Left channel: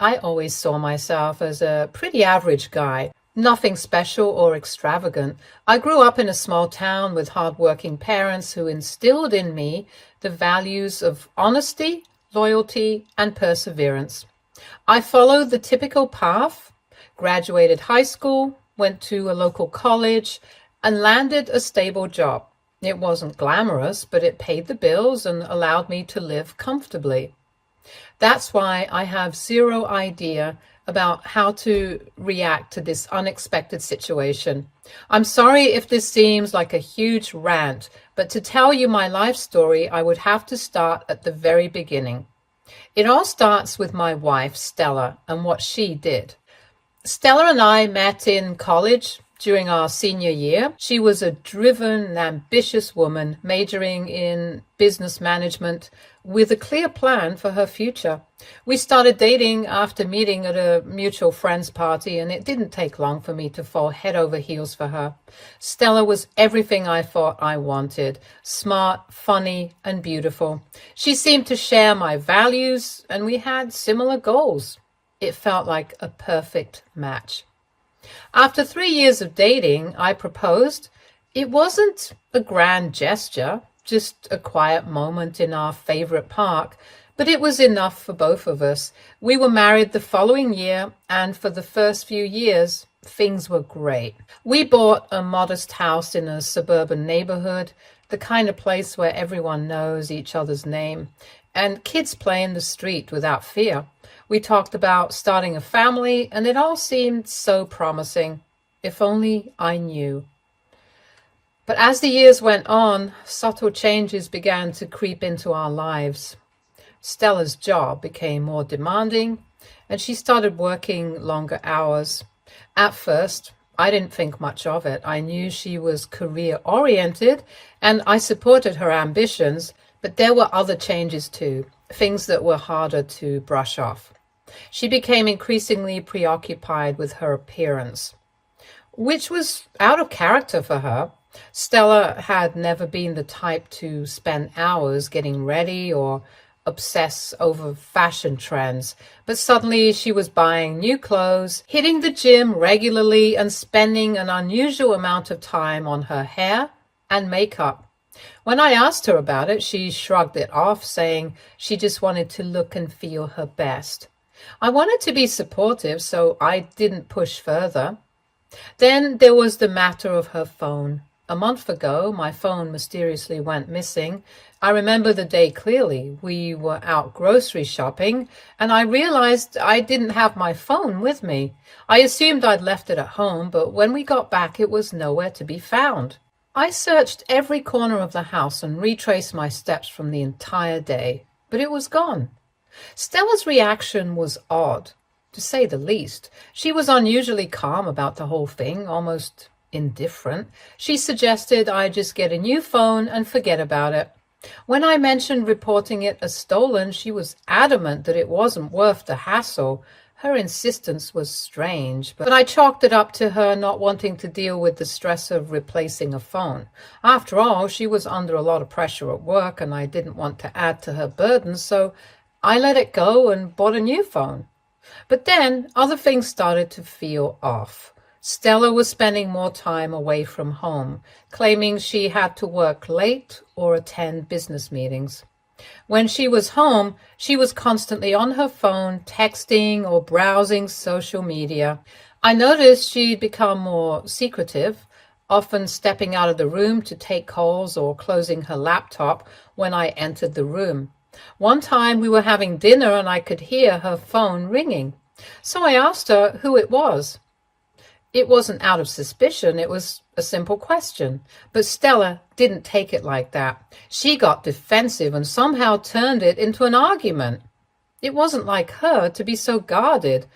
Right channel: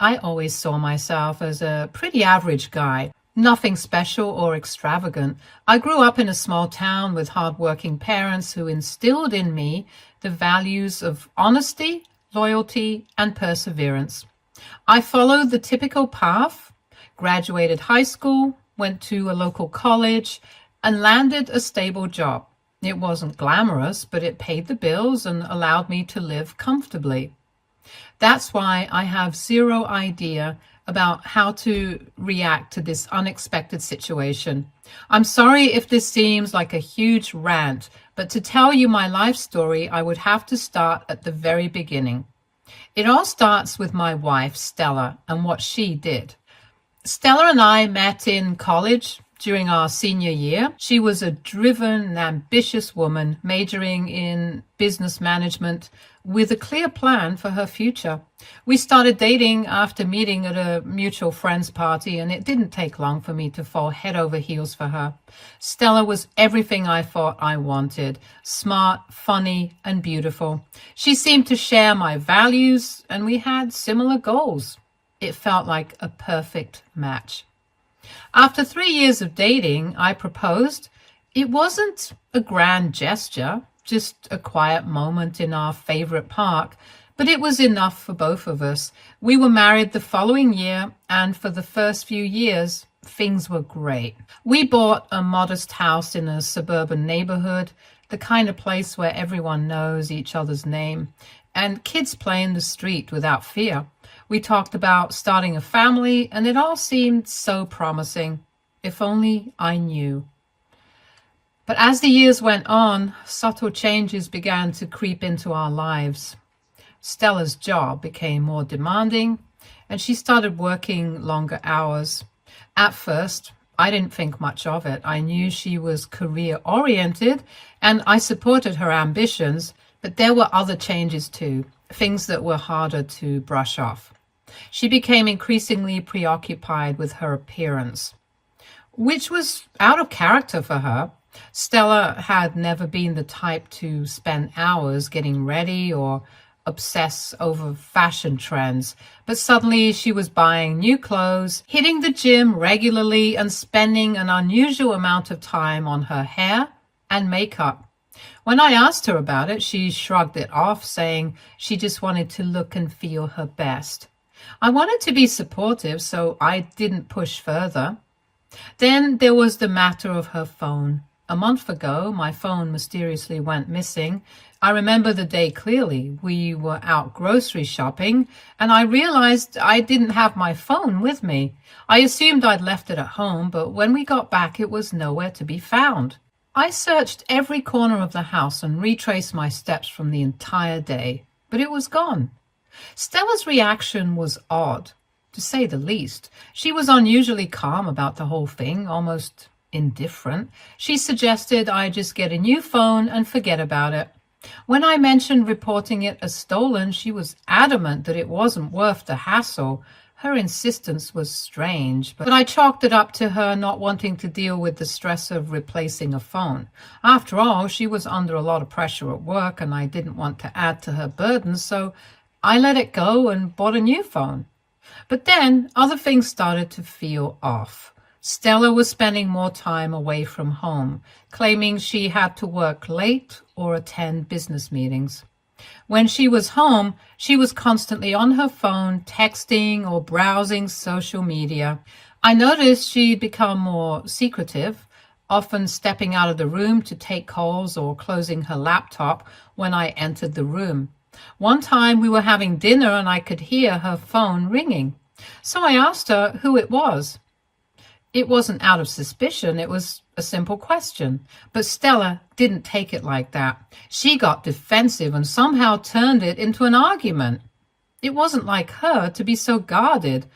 I always saw myself as a pretty average guy, nothing special or extravagant. I grew up in a small town with hardworking parents who instilled in me the values of honesty, loyalty, and perseverance. I followed the typical path, graduated high school, went to a local college, and landed a stable job. It wasn't glamorous, but it paid the bills and allowed me to live comfortably. That's why I have zero idea about how to react to this unexpected situation. I'm sorry if this seems like a huge rant, but to tell you my life story, I would have to start at the very beginning. It all starts with my wife, Stella, and what she did. Stella and I met in college during our senior year. She was a driven and ambitious woman majoring in business management with a clear plan for her future. We started dating after meeting at a mutual friend's party, and it didn't take long for me to fall head over heels for her. Stella was everything I thought I wanted: smart, funny, and beautiful. She seemed to share my values, and we had similar goals. It felt like a perfect match. After 3 years of dating, I proposed. It wasn't a grand gesture, just a quiet moment in our favorite park, but it was enough for both of us. We were married the following year, and for the first few years, things were great. We bought a modest house in a suburban neighborhood, the kind of place where everyone knows each other's name, and kids play in the street without fear. We talked about starting a family, and it all seemed so promising. If only I knew. But as the years went on, subtle changes began to creep into our lives. Stella's job became more demanding, and she started working longer hours. At first, I didn't think much of it. I knew she was career-oriented, and I supported her ambitions, but there were other changes too, things that were harder to brush off. She became increasingly preoccupied with her appearance, which was out of character for her. Stella had never been the type to spend hours getting ready or obsess over fashion trends, but suddenly she was buying new clothes, hitting the gym regularly, and spending an unusual amount of time on her hair and makeup. When I asked her about it, she shrugged it off, saying she just wanted to look and feel her best. I wanted to be supportive, so I didn't push further. Then there was the matter of her phone. A month ago, my phone mysteriously went missing. I remember the day clearly. We were out grocery shopping, and I realized I didn't have my phone with me. I assumed I'd left it at home, but when we got back, it was nowhere to be found. I searched every corner of the house and retraced my steps from the entire day, but it was gone. Stella's reaction was odd, to say the least. She was unusually calm about the whole thing, almost indifferent. She suggested I just get a new phone and forget about it. When I mentioned reporting it as stolen, she was adamant that it wasn't worth the hassle. Her insistence was strange, but I chalked it up to her not wanting to deal with the stress of replacing a phone. After all, she was under a lot of pressure at work, and I didn't want to add to her burden, so I let it go and bought a new phone. But then other things started to feel off. Stella was spending more time away from home, claiming she had to work late or attend business meetings. When she was home, she was constantly on her phone, texting or browsing social media. I noticed she'd become more secretive, often stepping out of the room to take calls or closing her laptop when I entered the room. One time we were having dinner and I could hear her phone ringing. So I asked her who it was. It wasn't out of suspicion, it was a simple question. But Stella didn't take it like that. She got defensive and somehow turned it into an argument. It wasn't like her to be so guarded,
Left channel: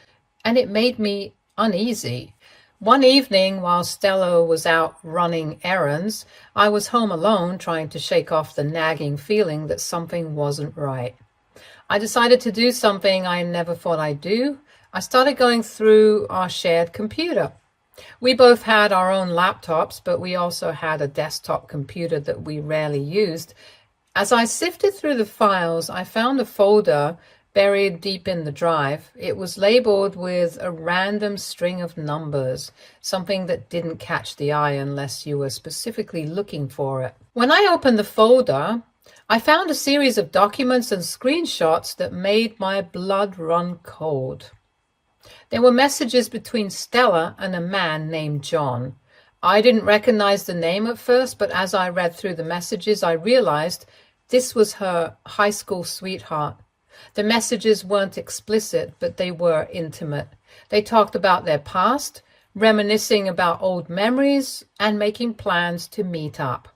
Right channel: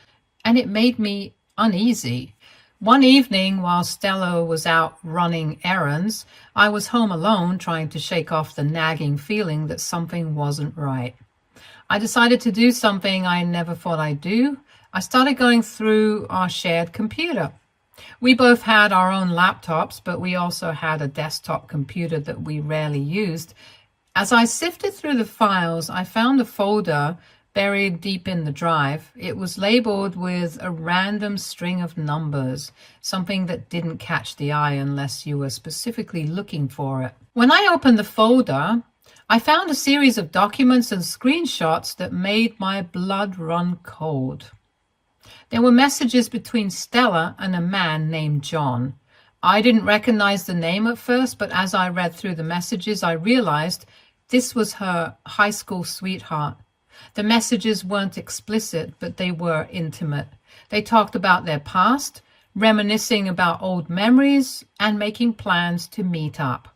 and it made me uneasy. One evening, while Stella was out running errands, I was home alone trying to shake off the nagging feeling that something wasn't right. I decided to do something I never thought I'd do. I started going through our shared computer. We both had our own laptops, but we also had a desktop computer that we rarely used. As I sifted through the files, I found a folder buried deep in the drive. It was labeled with a random string of numbers, something that didn't catch the eye unless you were specifically looking for it. When I opened the folder, I found a series of documents and screenshots that made my blood run cold. There were messages between Stella and a man named John. I didn't recognize the name at first, but as I read through the messages, I realized this was her high school sweetheart. The messages weren't explicit, but they were intimate. They talked about their past, reminiscing about old memories, and making plans to meet up.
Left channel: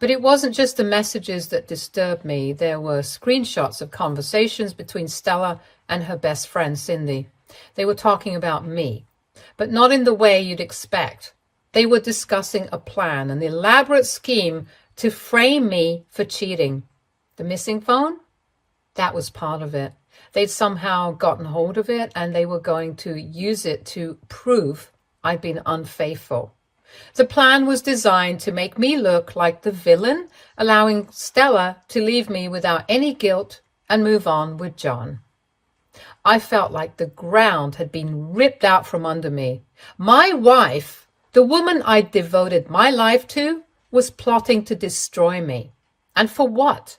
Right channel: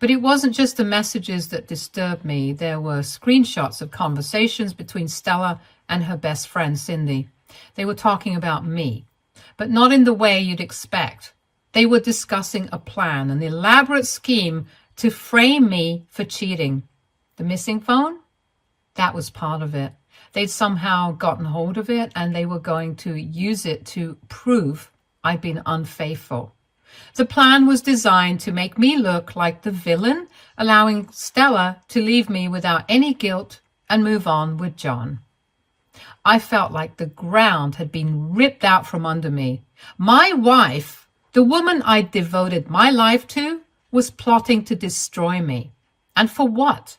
But it wasn't just the messages that disturbed me. There were screenshots of conversations between Stella and her best friend, Cindy. They were talking about me, but not in the way you'd expect. They were discussing a plan, an elaborate scheme to frame me for cheating. The missing phone? That was part of it. They'd somehow gotten hold of it, and they were going to use it to prove I'd been unfaithful. The plan was designed to make me look like the villain, allowing Stella to leave me without any guilt and move on with John. I felt like the ground had been ripped out from under me. My wife, the woman I'd devoted my life to, was plotting to destroy me. And for what?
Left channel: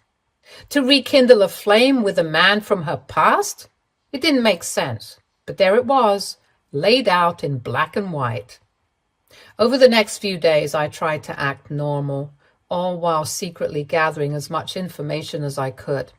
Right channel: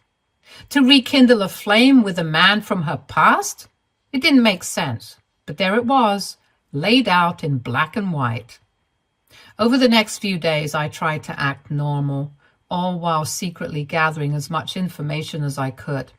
To rekindle a flame with a man from her past? It didn't make sense, but there it was, laid out in black and white. Over the next few days, I tried to act normal, all while secretly gathering as much information as I could.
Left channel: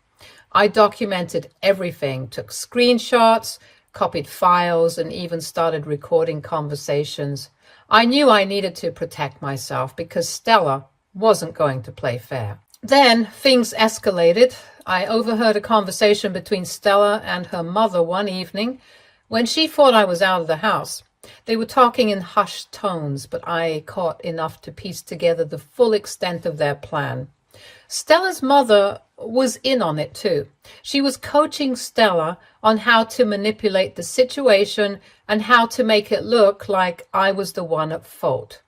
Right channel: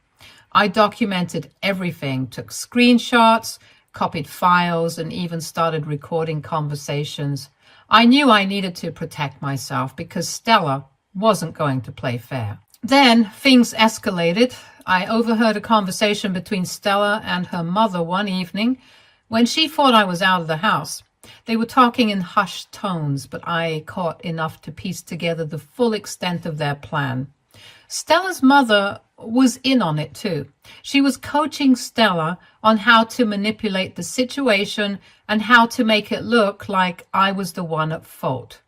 I documented everything, took screenshots, copied files, and even started recording conversations. I knew I needed to protect myself because Stella wasn't going to play fair. Then things escalated. I overheard a conversation between Stella and her mother one evening when she thought I was out of the house. They were talking in hushed tones, but I caught enough to piece together the full extent of their plan. Stella's mother was in on it too. She was coaching Stella on how to manipulate the situation and how to make it look like I was the one at fault.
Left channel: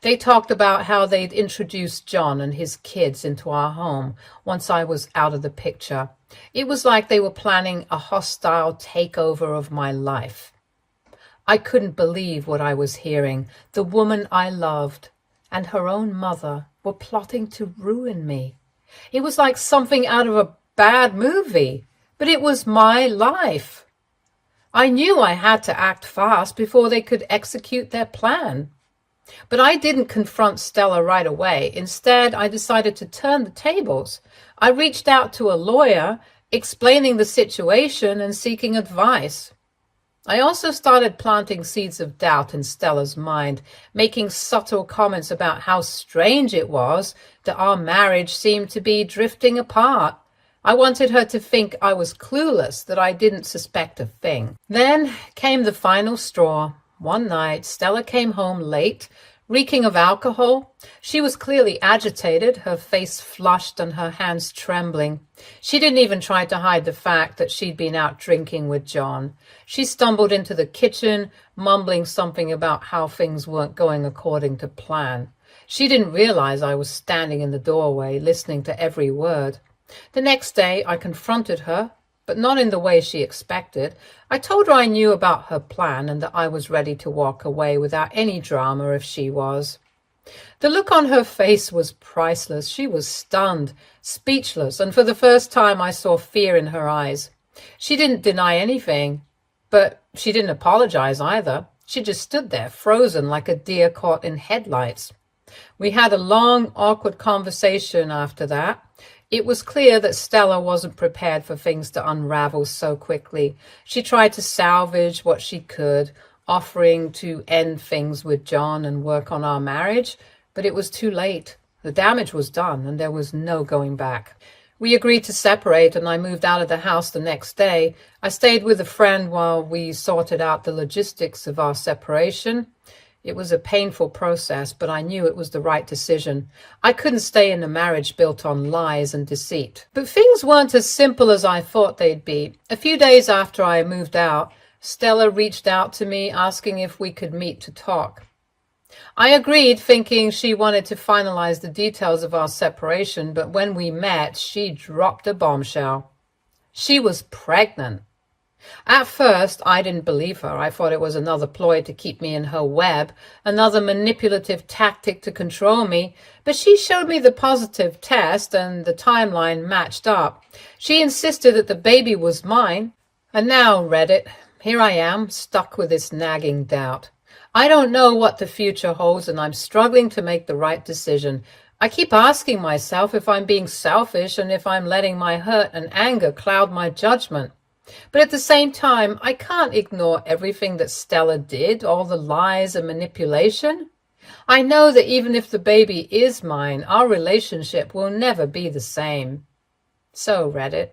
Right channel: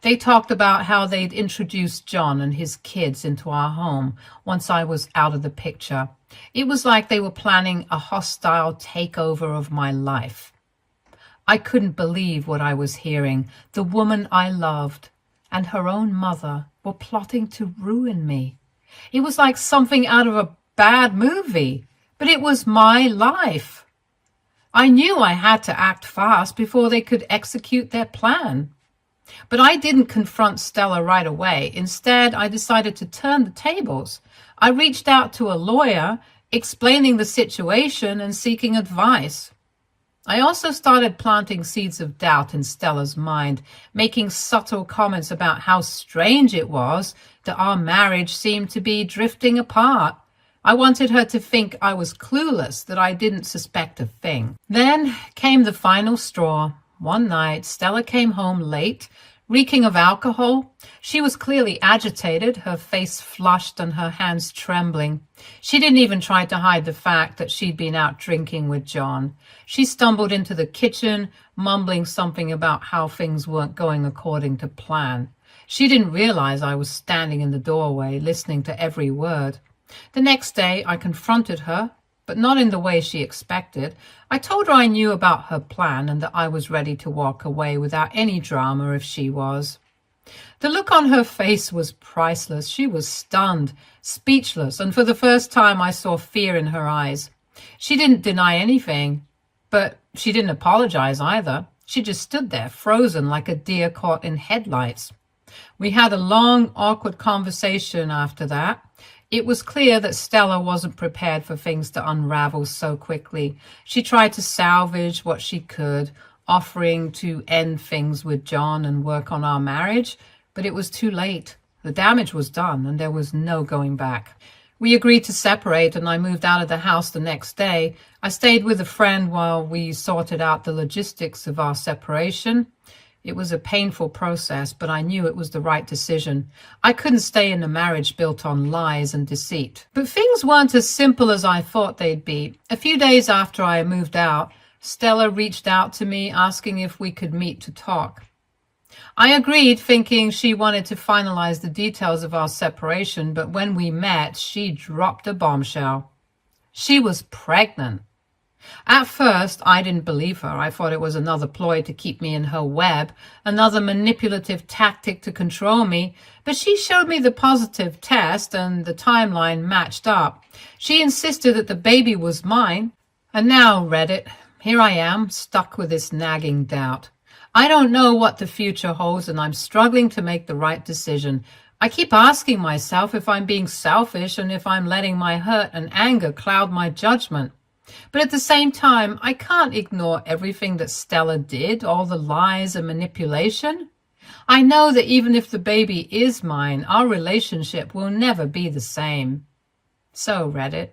They talked about how they'd introduced John and his kids into our home once I was out of the picture. It was like they were planning a hostile takeover of my life. I couldn't believe what I was hearing. The woman I loved and her own mother were plotting to ruin me. It was like something out of a bad movie, but it was my life. I knew I had to act fast before they could execute their plan. But I didn't confront Stella right away. Instead, I decided to turn the tables. I reached out to a lawyer, explaining the situation and seeking advice. I also started planting seeds of doubt in Stella's mind, making subtle comments about how strange it was that our marriage seemed to be drifting apart. I wanted her to think I was clueless, that I didn't suspect a thing. Then came the final straw. One night, Stella came home late, reeking of alcohol. She was clearly agitated, her face flushed and her hands trembling. She didn't even try to hide the fact that she'd been out drinking with John. She stumbled into the kitchen, mumbling something about how things weren't going according to plan. She didn't realize I was standing in the doorway, listening to every word. The next day, I confronted her, but not in the way she expected. I told her I knew about her plan and that I was ready to walk away without any drama if she was. The look on her face was priceless. She was stunned, speechless, and for the first time I saw fear in her eyes. She didn't deny anything, but she didn't apologize either. She just stood there, frozen like a deer caught in headlights. We had a long, awkward conversation after that. It was clear that Stella wasn't prepared for things to unravel so quickly. She tried to salvage what she could, offering to end things with John and work on our marriage, but it was too late. The damage was done and there was no going back. We agreed to separate and I moved out of the house the next day. I stayed with a friend while we sorted out the logistics of our separation. It was a painful process, but I knew it was the right decision. I couldn't stay in a marriage built on lies and deceit. But things weren't as simple as I thought they'd be. A few days after I moved out, Stella reached out to me asking if we could meet to talk. I agreed, thinking she wanted to finalize the details of our separation, but when we met, she dropped a bombshell. She was pregnant. At first, I didn't believe her. I thought it was another ploy to keep me in her web, another manipulative tactic to control me. But she showed me the positive test and the timeline matched up. She insisted that the baby was mine. And now, Reddit, here I am, stuck with this nagging doubt. I don't know what the future holds, and I'm struggling to make the right decision. I keep asking myself if I'm being selfish and if I'm letting my hurt and anger cloud my judgment. But at the same time, I can't ignore everything that Stella did, all the lies and manipulation. I know that even if the baby is mine, our relationship will never be the same. So, Reddit,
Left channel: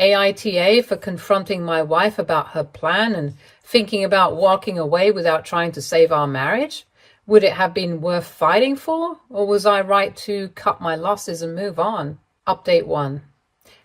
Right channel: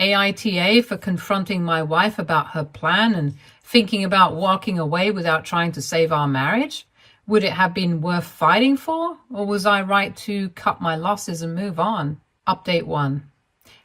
AITA for confronting my wife about her plan and thinking about walking away without trying to save our marriage? Would it have been worth fighting for, or was I right to cut my losses and move on? Update 1.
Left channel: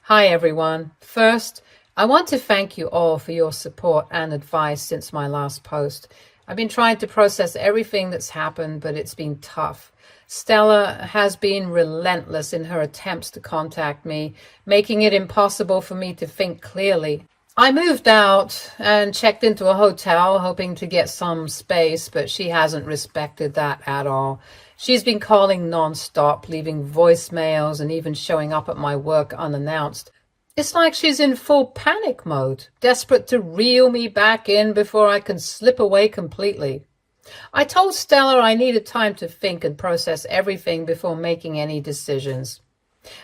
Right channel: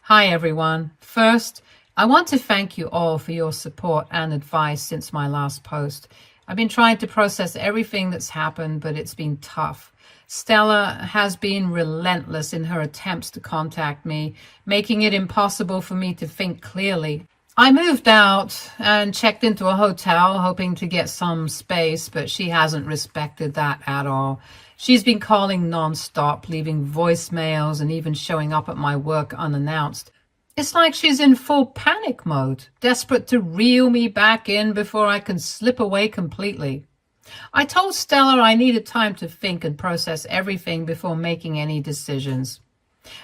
Hi, everyone. First, I want to thank you all for your support and advice since my last post. I've been trying to process everything that's happened, but it's been tough. Stella has been relentless in her attempts to contact me, making it impossible for me to think clearly. I moved out and checked into a hotel, hoping to get some space, but she hasn't respected that at all. She's been calling nonstop, leaving voicemails, and even showing up at my work unannounced. It's like she's in full panic mode, desperate to reel me back in before I can slip away completely. I told Stella I needed time to think and process everything before making any decisions.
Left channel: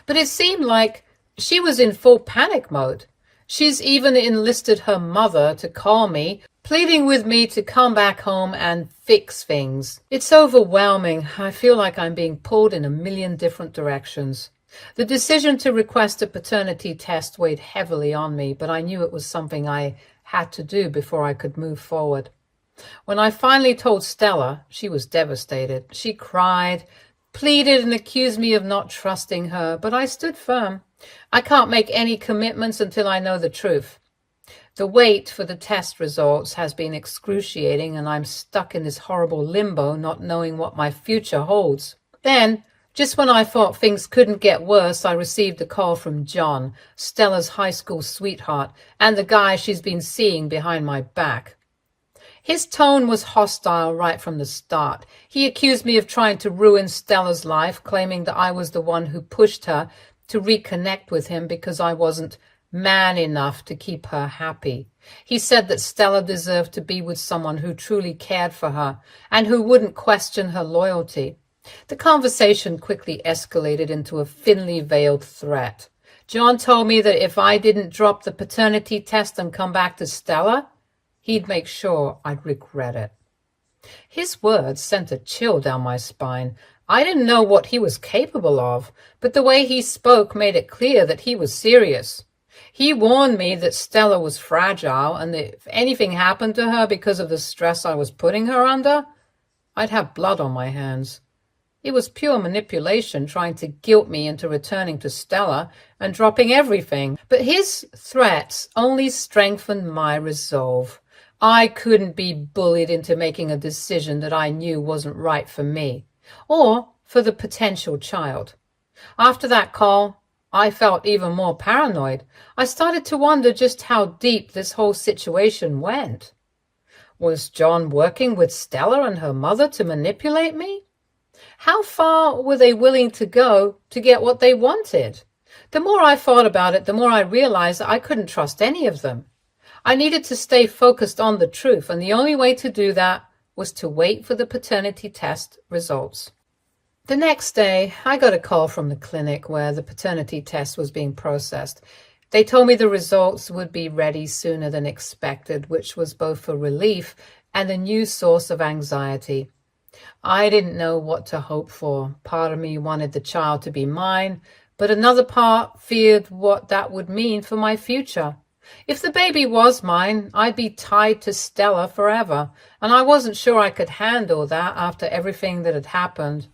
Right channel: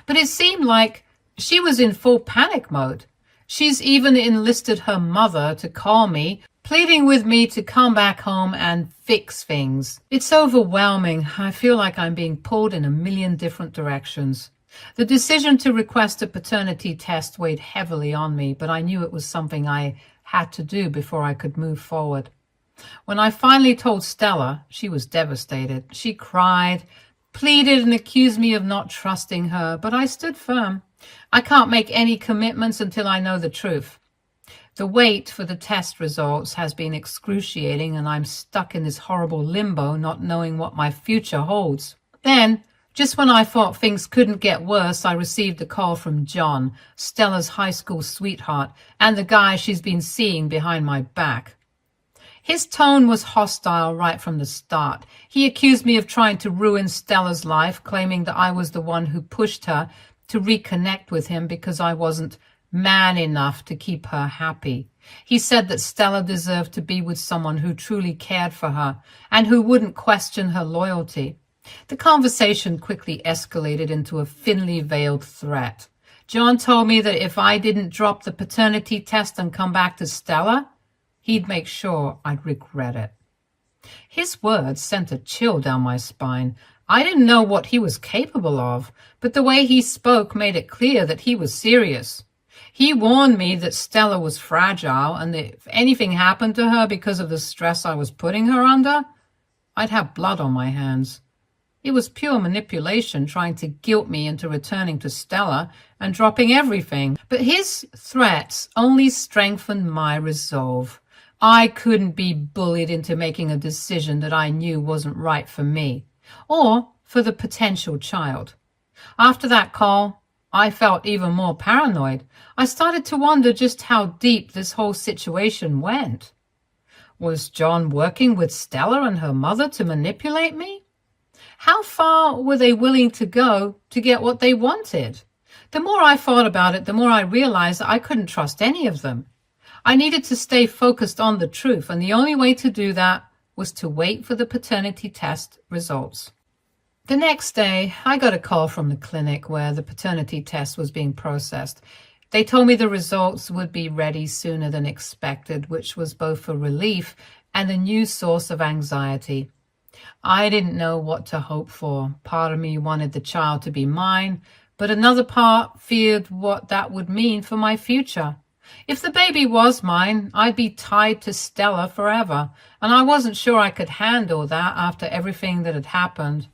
But it seemed like she was in full panic mode. She's even enlisted her mother to call me, pleading with me to come back home and fix things. It's overwhelming. I feel like I'm being pulled in a million different directions. The decision to request a paternity test weighed heavily on me, but I knew it was something I had to do before I could move forward. When I finally told Stella, she was devastated. She cried, pleaded, and accused me of not trusting her, but I stood firm. I can't make any commitments until I know the truth. The wait for the test results has been excruciating, and I'm stuck in this horrible limbo, not knowing what my future holds. Then, just when I thought things couldn't get worse, I received a call from John, Stella's high school sweetheart, and the guy she's been seeing behind my back. His tone was hostile right from the start. He accused me of trying to ruin Stella's life, claiming that I was the one who pushed her to reconnect with him because I wasn't man enough to keep her happy. He said that Stella deserved to be with someone who truly cared for her and who wouldn't question her loyalty. The conversation quickly escalated into a thinly veiled threat. John told me that if I didn't drop the paternity test and come back to Stella, he'd make sure I'd regret it. His words sent a chill down my spine. I didn't know what he was capable of, but the way he spoke made it clear that he was serious. He warned me that Stella was fragile and that if anything happened to her because of the stress I was putting her under, I'd have blood on my hands. It was pure manipulation, trying to guilt me into returning to Stella and dropping everything. But his threats only strengthened my resolve. I couldn't be bullied into making a decision that I knew wasn't right for me or for the potential child. After that call, I felt even more paranoid. I started to wonder just how deep this whole situation went. Was John working with Stella and her mother to manipulate me? How far were they willing to go to get what they wanted? The more I thought about it, the more I realized that I couldn't trust any of them. I needed to stay focused on the truth, and the only way to do that was to wait for the paternity test results. The next day, I got a call from the clinic where the paternity test was being processed. They told me the results would be ready sooner than expected, which was both a relief and a new source of anxiety. I didn't know what to hope for. Part of me wanted the child to be mine, but another part feared what that would mean for my future. If the baby was mine, I'd be tied to Stella forever, and I wasn't sure I could handle that after everything that had happened.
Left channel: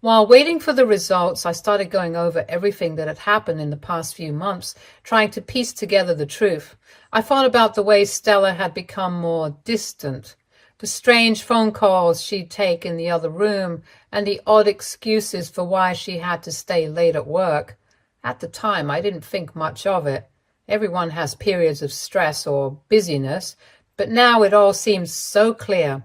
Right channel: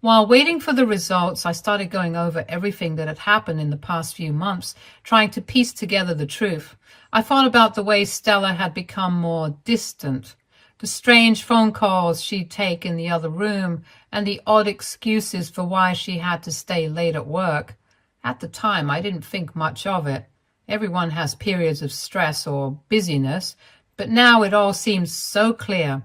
While waiting for the results, I started going over everything that had happened in the past few months, trying to piece together the truth. I thought about the way Stella had become more distant, the strange phone calls she'd take in the other room, and the odd excuses for why she had to stay late at work. At the time, I didn't think much of it. Everyone has periods of stress or busyness, but now it all seems so clear.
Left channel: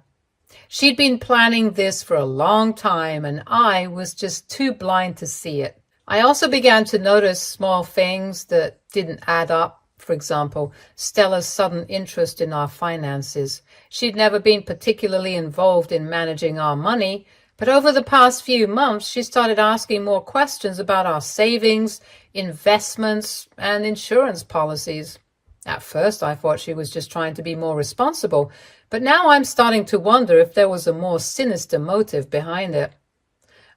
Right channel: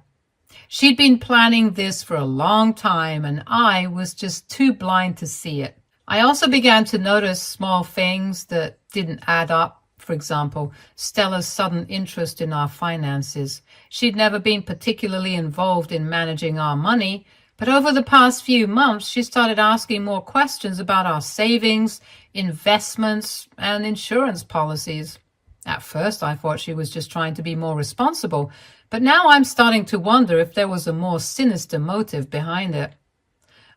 She'd been planning this for a long time, and I was just too blind to see it. I also began to notice small things that didn't add up. For example, Stella's sudden interest in our finances. She'd never been particularly involved in managing our money, but over the past few months, she started asking more questions about our savings, investments, and insurance policies. At first, I thought she was just trying to be more responsible, but now I'm starting to wonder if there was a more sinister motive behind it.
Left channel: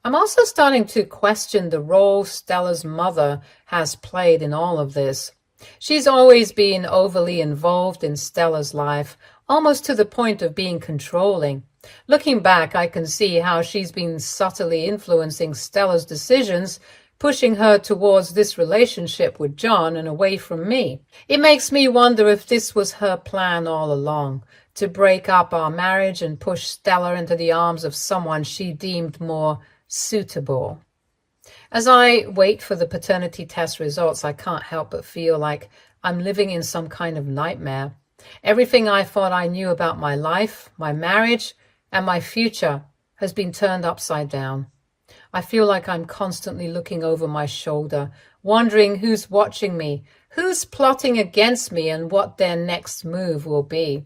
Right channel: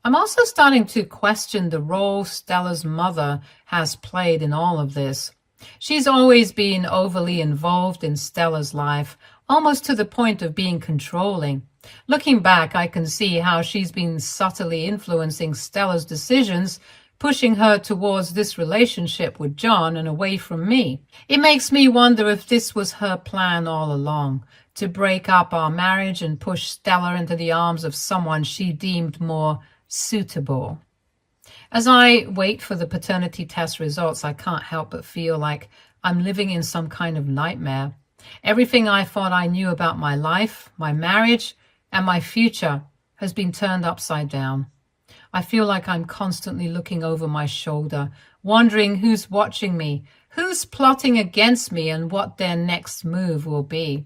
I'm also starting to question the role Stella's mother has played in all of this. She's always been overly involved in Stella's life, almost to the point of being controlling. Looking back, I can see how she's been subtly influencing Stella's decisions, pushing her towards this relationship with John and away from me. It makes me wonder if this was her plan all along, to break up our marriage and push Stella into the arms of someone she deemed more suitable. As I wait for the paternity test results, I can't help but feel like I'm living in some kind of nightmare. Everything I thought I knew about my life, my marriage, and my future has been turned upside down. I feel like I'm constantly looking over my shoulder, wondering who's watching me, who's plotting against me, and what their next move will be.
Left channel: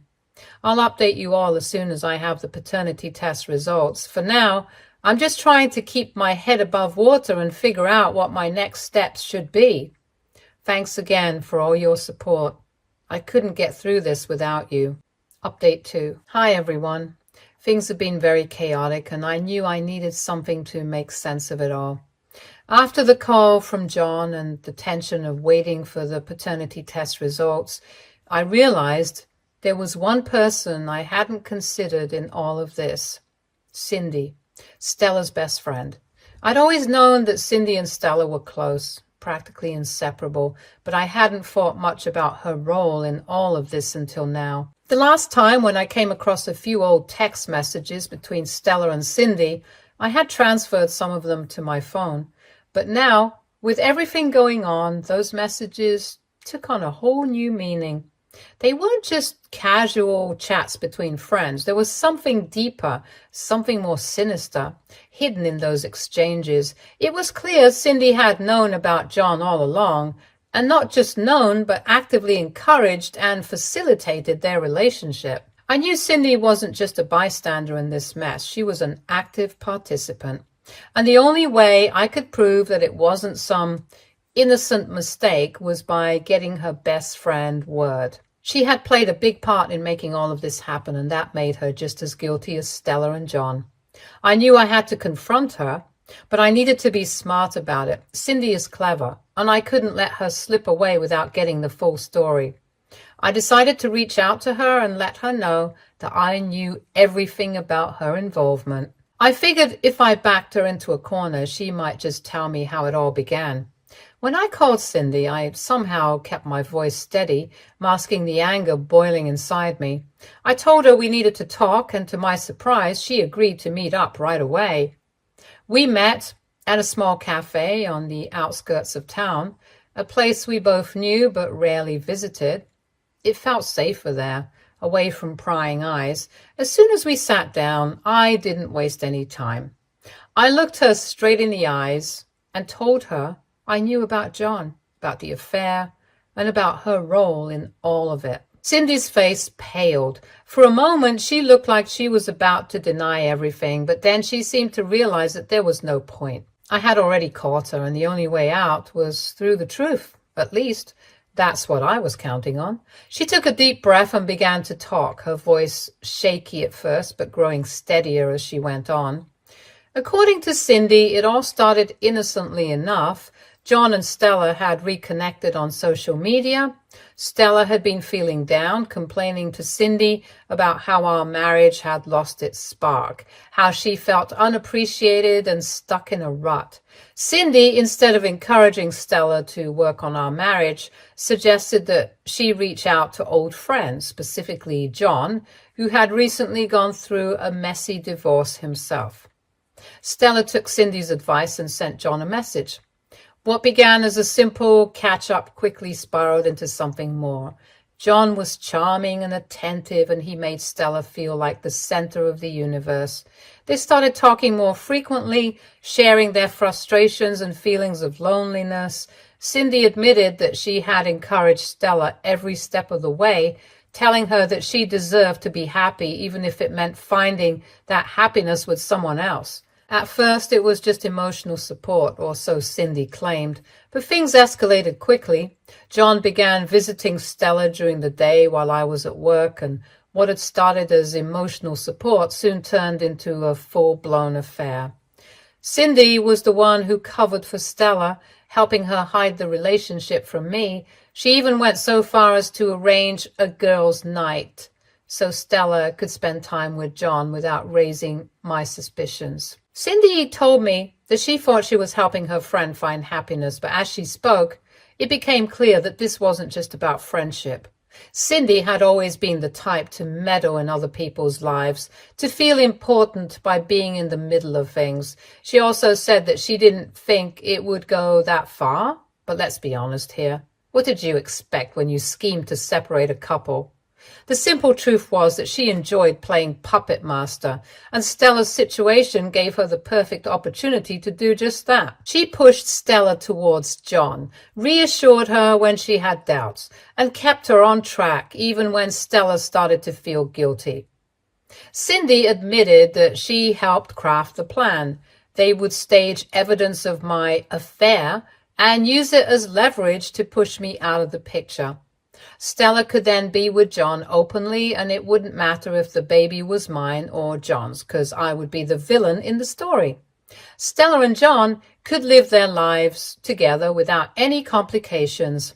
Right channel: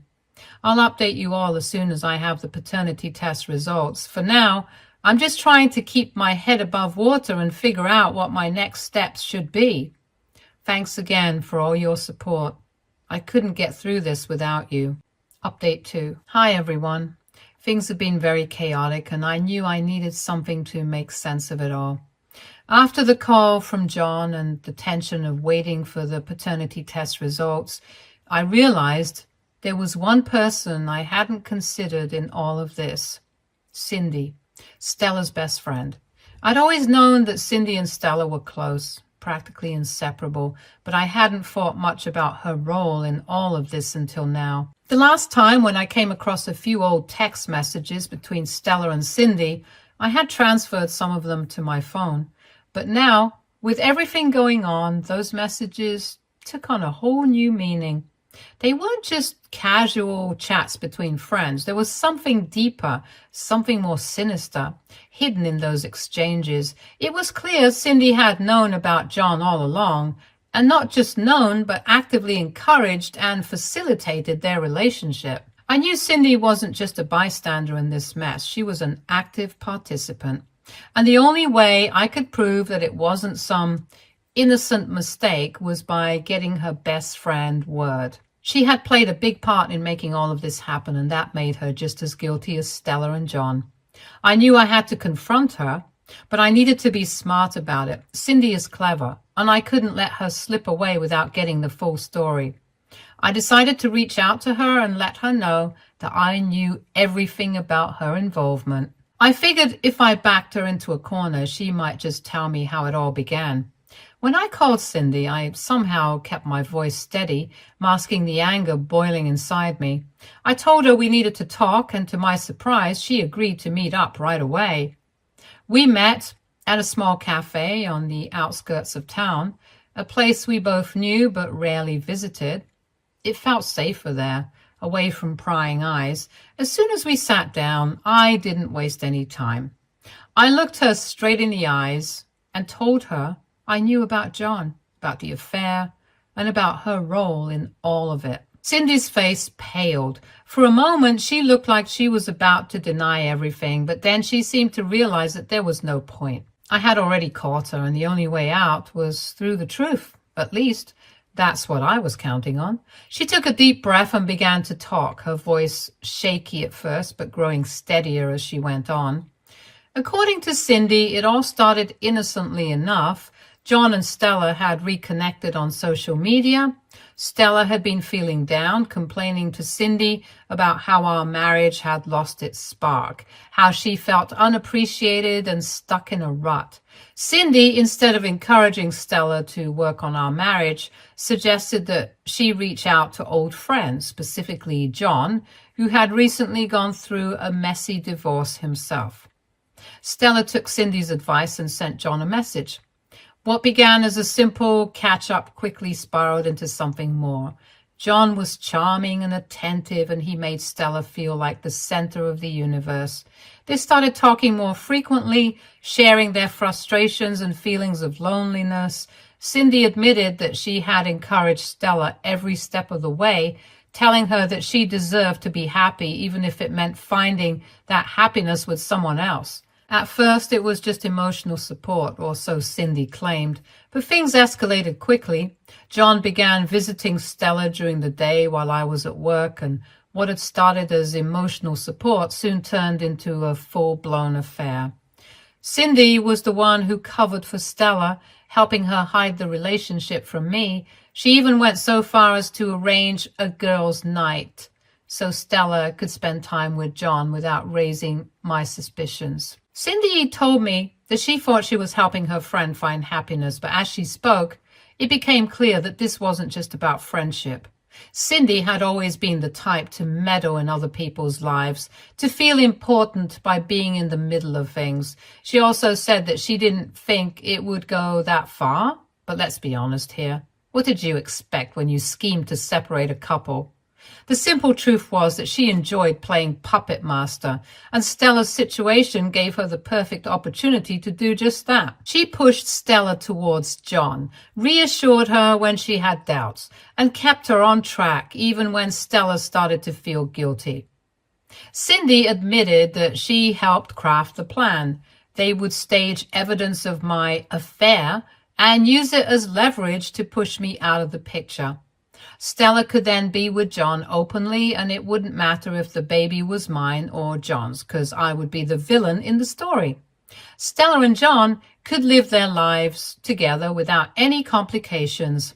I'll update you all as soon as I have the paternity test results. For now, I'm just trying to keep my head above water and figure out what my next steps should be. Thanks again for all your support. I couldn't get through this without you. Update 2. Hi everyone. Things have been very chaotic, and I knew I needed something to make sense of it all. After the call from John and the tension of waiting for the paternity test results, I realized there was one person I hadn't considered in all of this. Cindy, Stella's best friend. I'd always known that Cindy and Stella were close, practically inseparable, but I hadn't thought much about her role in all of this until now. The last time when I came across a few old text messages between Stella and Cindy, I had transferred some of them to my phone. But now, with everything going on, those messages took on a whole new meaning. They weren't just casual chats between friends. There was something deeper, something more sinister, hidden in those exchanges. It was clear Cindy had known about John all along, and not just known, but actively encouraged and facilitated their relationship. I knew Cindy wasn't just a bystander in this mess. She was an active participant. And the only way I could prove that it wasn't some innocent mistake was by getting her best friend word. She had played a big part in making all of this happen, and that made her just as guilty as Stella and John. I knew I had to confront her, but I needed to be smart about it. Cindy is clever, and I couldn't let her slip away without getting the full story. I decided to reach out to her and let her know that I knew everything about her involvement. I figured if I backed her into a corner, she might just tell me how it all began. When I called Cindy, I somehow kept my voice steady, masking the anger boiling inside me. I told her we needed to talk, and to my surprise, she agreed to meet up right away. We met at a small cafe on the outskirts of town, a place we both knew but rarely visited. It felt safer there, away from prying eyes. As soon as we sat down, I didn't waste any time. I looked her straight in the eyes and told her I knew about John, about the affair, and about her role in all of it. Cindy's face paled. For a moment, she looked like she was about to deny everything, but then she seemed to realize that there was no point. I had already caught her, and the only way out was through the truth. At least, that's what I was counting on. She took a deep breath and began to talk, her voice shaky at first, but growing steadier as she went on. According to Cindy, it all started innocently enough. John and Stella had reconnected on social media. Stella had been feeling down, complaining to Cindy about how our marriage had lost its spark, how she felt unappreciated and stuck in a rut. Cindy, instead of encouraging Stella to work on our marriage, suggested that she reach out to old friends, specifically John, who had recently gone through a messy divorce himself. Stella took Cindy's advice and sent John a message. What began as a simple catch-up quickly spiraled into something more. John was charming and attentive, and he made Stella feel like the center of the universe. They started talking more frequently, sharing their frustrations and feelings of loneliness. Cindy admitted that she had encouraged Stella every step of the way, telling her that she deserved to be happy, even if it meant finding that happiness with someone else. At first, it was just emotional support, or so Cindy claimed, but things escalated quickly. John began visiting Stella during the day while I was at work, and what had started as emotional support soon turned into a full-blown affair. Cindy was the one who covered for Stella, helping her hide the relationship from me. She even went so far as to arrange a girls' night so Stella could spend time with John without raising my suspicions. Cindy told me that she thought she was helping her friend find happiness, but as she spoke, it became clear that this wasn't just about friendship. Cindy had always been the type to meddle in other people's lives, to feel important by being in the middle of things. She also said that she didn't think it would go that far, but let's be honest here. What did you expect when you schemed to separate a couple? The simple truth was that she enjoyed playing puppet master, and Stella's situation gave her the perfect opportunity to do just that. She pushed Stella towards John, reassured her when she had doubts, and kept her on track even when Stella started to feel guilty. Cindy admitted that she helped craft the plan. They would stage evidence of my affair and use it as leverage to push me out of the picture. Stella could then be with John openly, and it wouldn't matter if the baby was mine or John's, because I would be the villain in the story. Stella and John could live their lives together without any complications.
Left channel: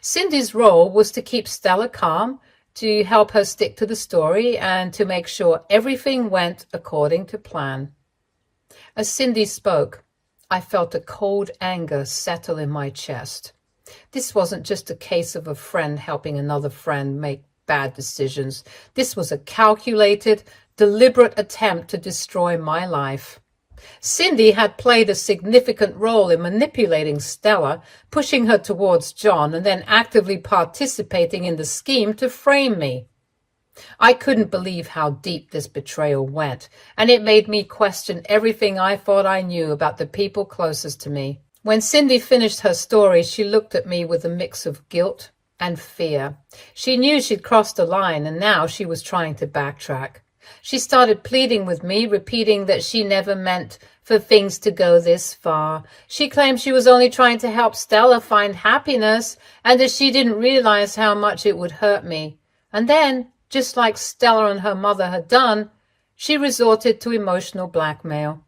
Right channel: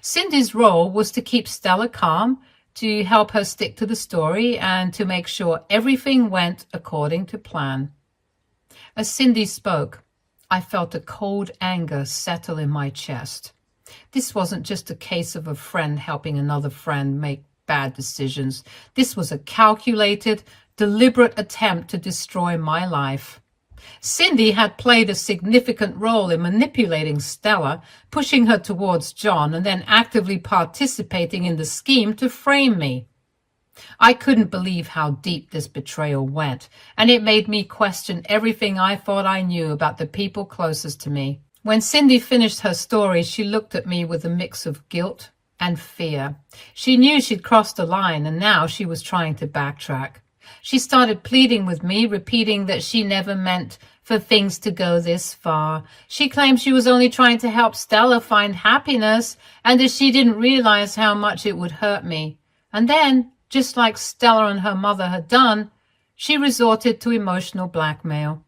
Cindy's role was to keep Stella calm, to help her stick to the story, and to make sure everything went according to plan. As Cindy spoke, I felt a cold anger settle in my chest. This wasn't just a case of a friend helping another friend make bad decisions. This was a calculated, deliberate attempt to destroy my life. Cindy had played a significant role in manipulating Stella, pushing her towards John, and then actively participating in the scheme to frame me. I couldn't believe how deep this betrayal went, and it made me question everything I thought I knew about the people closest to me. When Cindy finished her story, she looked at me with a mix of guilt and fear. She knew she'd crossed a line, and now she was trying to backtrack. She started pleading with me, repeating that she never meant for things to go this far. She claimed she was only trying to help Stella find happiness, and that she didn't realize how much it would hurt me. And then, just like Stella and her mother had done, she resorted to emotional blackmail.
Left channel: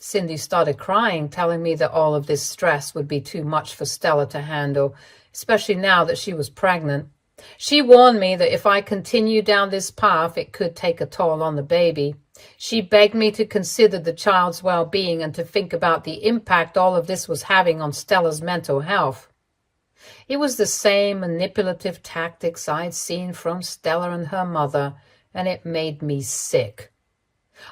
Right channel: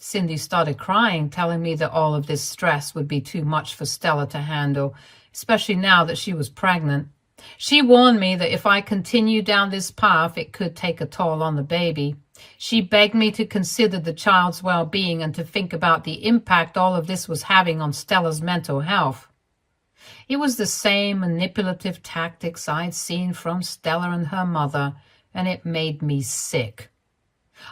Cindy started crying, telling me that all of this stress would be too much for Stella to handle, especially now that she was pregnant. She warned me that if I continued down this path, it could take a toll on the baby. She begged me to consider the child's well-being and to think about the impact all of this was having on Stella's mental health. It was the same manipulative tactics I'd seen from Stella and her mother, and it made me sick.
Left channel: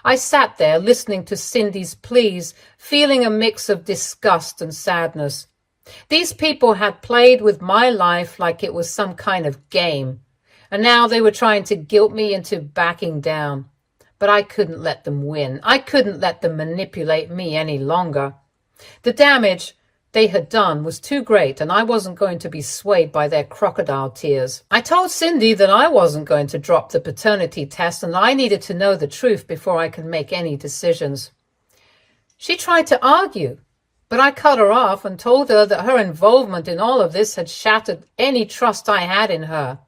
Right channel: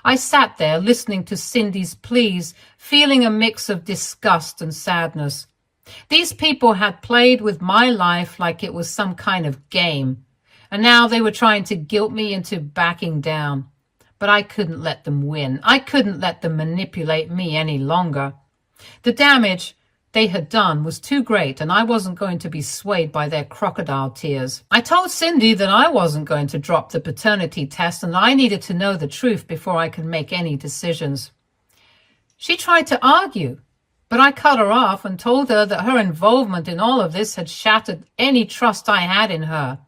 I sat there listening to Cindy's pleas, feeling a mix of disgust and sadness. These people had played with my life like it was some kind of game, and now they were trying to guilt me into backing down. But I couldn't let them win. I couldn't let them manipulate me any longer. The damage they had done was too great, and I wasn't going to be swayed by their crocodile tears. I told Cindy that I wasn't going to drop the paternity test, and I needed to know the truth before I could make any decisions. She tried to argue, but I cut her off and told her that her involvement in all of this had shattered any trust I had in her,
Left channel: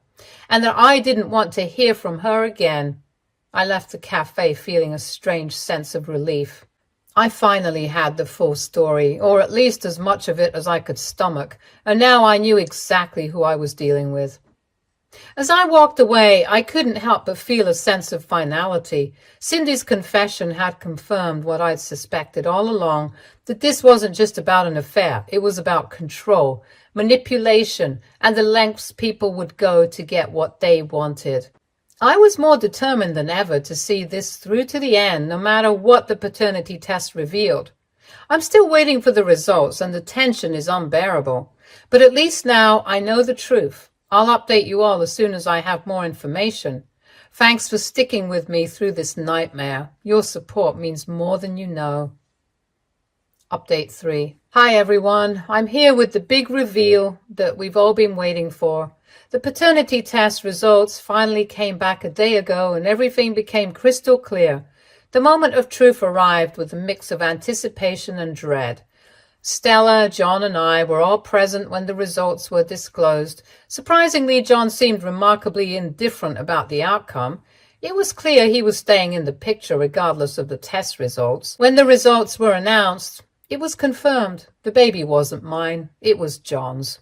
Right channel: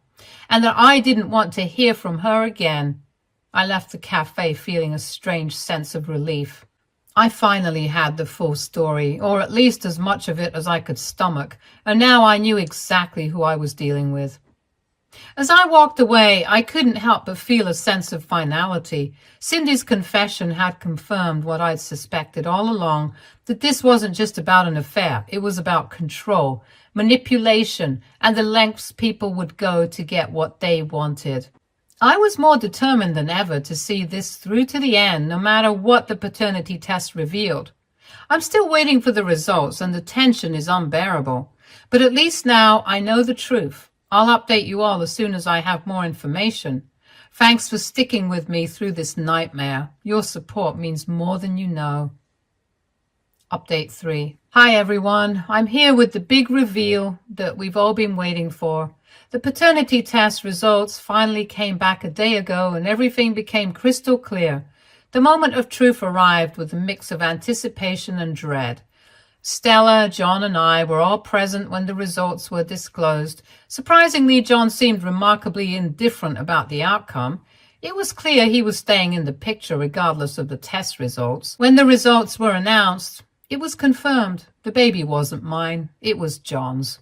and that I didn't want to hear from her again. I left the cafe feeling a strange sense of relief. I finally had the full story, or at least as much of it as I could stomach, and now I knew exactly who I was dealing with. As I walked away, I couldn't help but feel a sense of finality. Cindy's confession had confirmed what I'd suspected all along, that this wasn't just about an affair. It was about control, manipulation, and the lengths people would go to get what they wanted. I was more determined than ever to see this through to the end, no matter what the paternity test revealed. I'm still waiting for the results and the tension is unbearable. But at least now I know the truth. I'll update you all as soon as I have more information. Thanks for sticking with me through this nightmare. Your support means more than you know. Update 3. Hi everyone, I'm here with the big reveal that we've all been waiting for. The paternity test results finally came back a day ago and everything became crystal clear. The moment of truth arrived with a mix of anticipation and dread. Stella, John, and I were all present when the results were disclosed. Surprisingly, John seemed remarkably indifferent about the outcome. It was clear he was staying in the picture regardless of the test results. When the results were announced, it was confirmed. The baby wasn't mine, it was John's.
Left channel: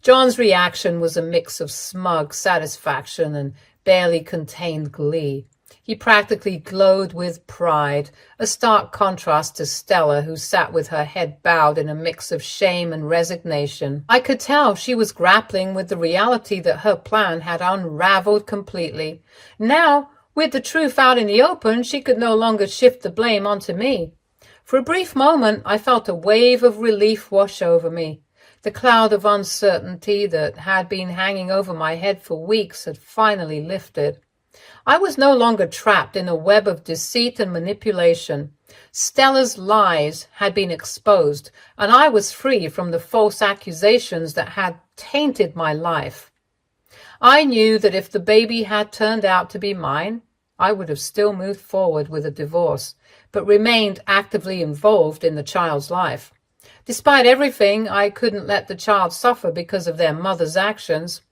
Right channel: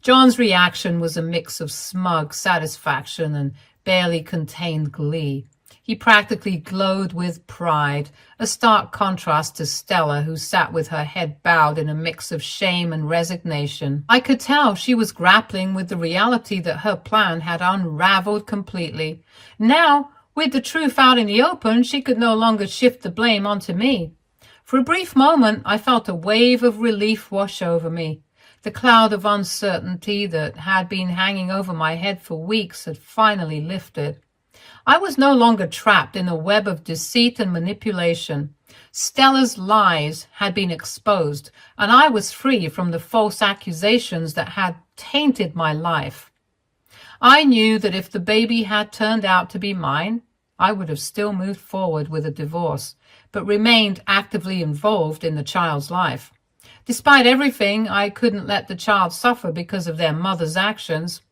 John's reaction was a mix of smug satisfaction and barely contained glee. He practically glowed with pride, a stark contrast to Stella, who sat with her head bowed in a mix of shame and resignation. I could tell she was grappling with the reality that her plan had unraveled completely. Now, with the truth out in the open, she could no longer shift the blame onto me. For a brief moment, I felt a wave of relief wash over me. The cloud of uncertainty that had been hanging over my head for weeks had finally lifted. I was no longer trapped in a web of deceit and manipulation. Stella's lies had been exposed, and I was free from the false accusations that had tainted my life. I knew that if the baby had turned out to be mine, I would have still moved forward with a divorce, but remained actively involved in the child's life. Despite everything, I couldn't let the child suffer because of their mother's actions.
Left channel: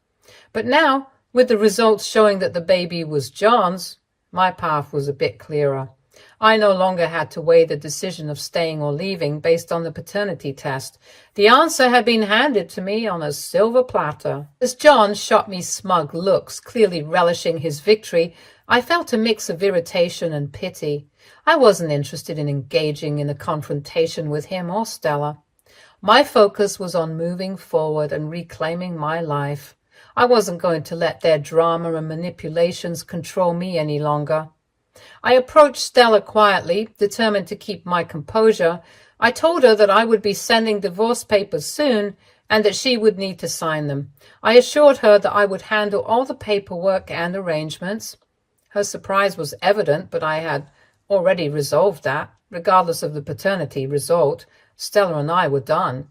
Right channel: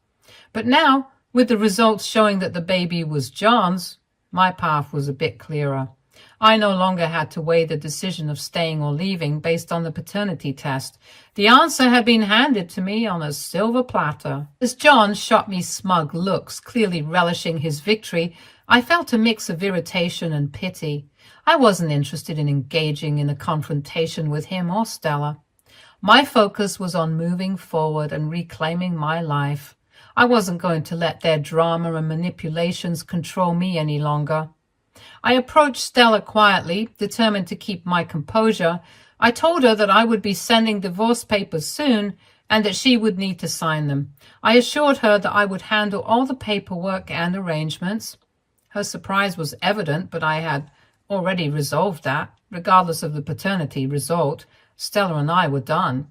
But now, with the results showing that the baby was John's, my path was a bit clearer. I no longer had to weigh the decision of staying or leaving based on the paternity test. The answer had been handed to me on a silver platter. As John shot me smug looks, clearly relishing his victory, I felt a mix of irritation and pity. I wasn't interested in engaging in a confrontation with him or Stella. My focus was on moving forward and reclaiming my life. I wasn't going to let their drama and manipulations control me any longer. I approached Stella quietly, determined to keep my composure. I told her that I would be sending divorce papers soon and that she would need to sign them. I assured her that I would handle all the paperwork and arrangements. Her surprise was evident, but I had already resolved that. Regardless of the paternity result, Stella and I were done.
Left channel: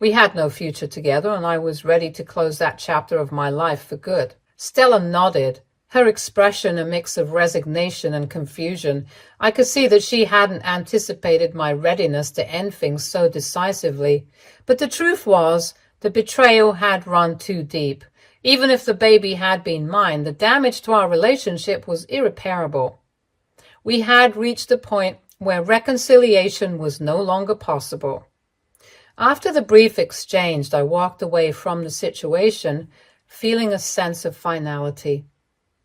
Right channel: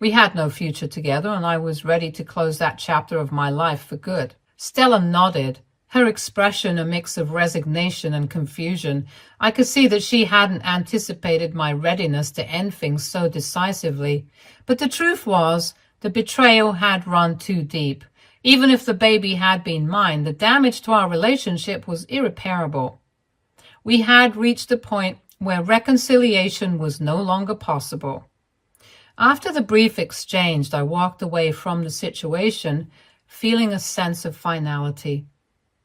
We had no future together, and I was ready to close that chapter of my life for good. Stella nodded, her expression a mix of resignation and confusion. I could see that she hadn't anticipated my readiness to end things so decisively. But the truth was, the betrayal had run too deep. Even if the baby had been mine, the damage to our relationship was irreparable. We had reached a point where reconciliation was no longer possible. After the brief exchange, I walked away from the situation, feeling a sense of finality.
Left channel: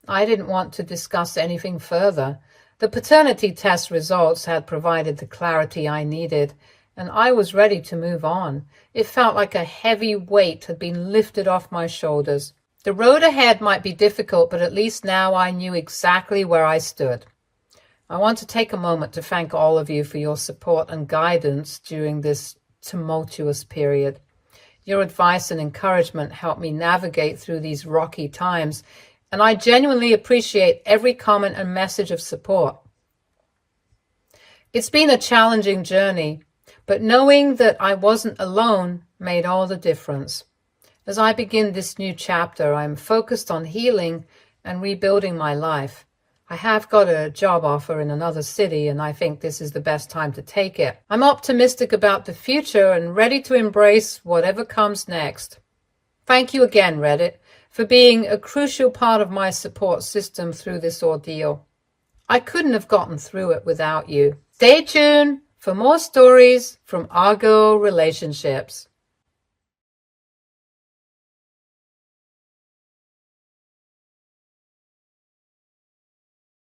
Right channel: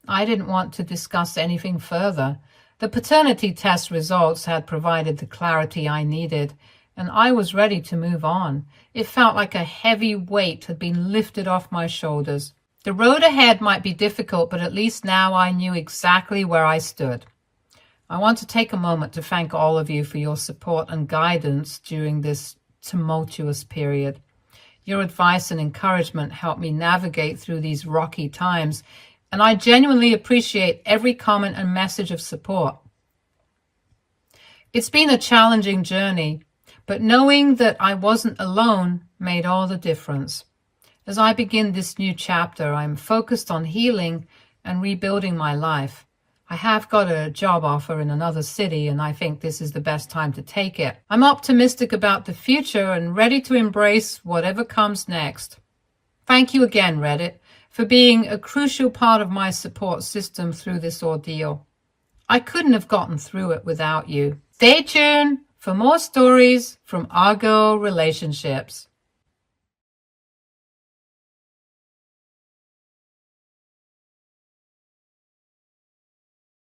I didn't want to discuss anything further. The paternity test results had provided the clarity I needed, and I was ready to move on. It felt like a heavy weight had been lifted off my shoulders. The road ahead might be difficult, but at least now I knew exactly where I stood. I want to take a moment to thank all of you for your support and guidance during this tumultuous period. Your advice and encouragement helped me navigate through these rocky times, and I genuinely appreciate every comment and message of support. It's been a challenging journey, but knowing that I wasn't alone made all the difference. As I begin this new chapter, I'm focused on healing and rebuilding my life. I have got a job offer in another city, and I think this is the best time to take it. I'm optimistic about the future and ready to embrace whatever comes next. Thank you again, Reddit, for being a crucial part of my support system through this ordeal. I couldn't have gotten through it without you. Stay tuned for more stories from our girl relationships.